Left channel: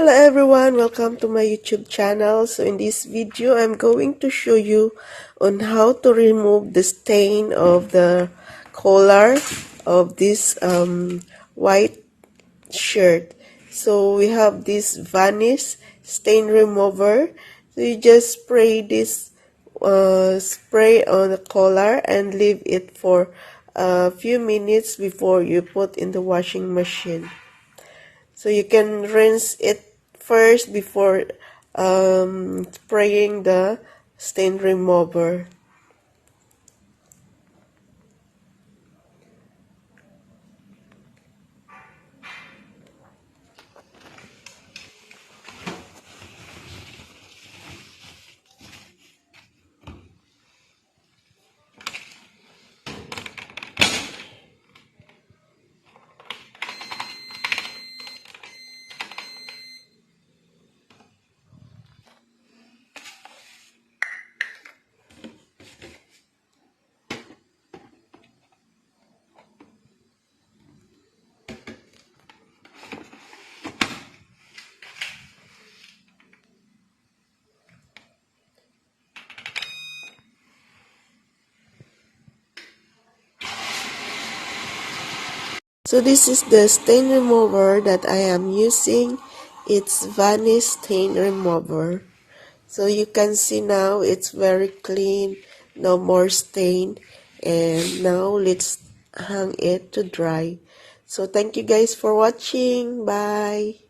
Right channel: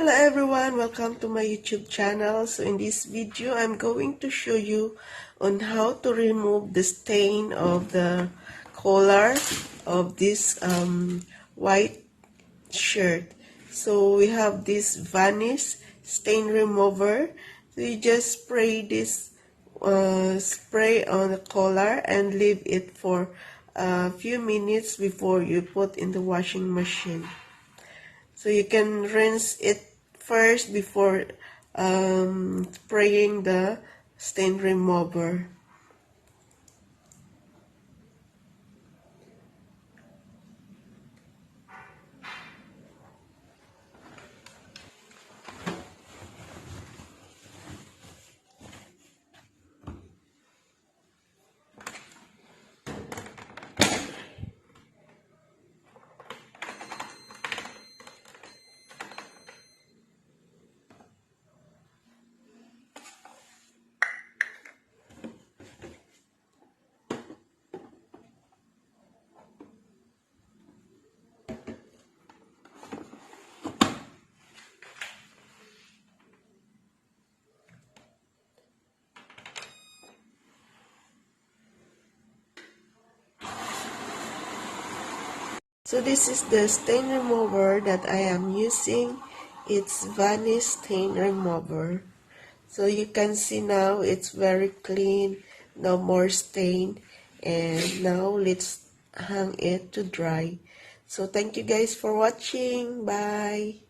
Hello everyone, welcome to my YouTube channel. So in this video, I'm going to show you on how to remove the stain of the collar of this white shirt. So we have this varnish stain remover. So you just spray this spray on the collar and leave it for a few minutes before you put in the washing machine. So you can rinse it first before spraying the stain remover. So this is the stain remover that I am using. It's varnish stain remover. So you can see now it's very clean, no more stain. And now let's hang it to dry. So thank you guys for watching. Bye.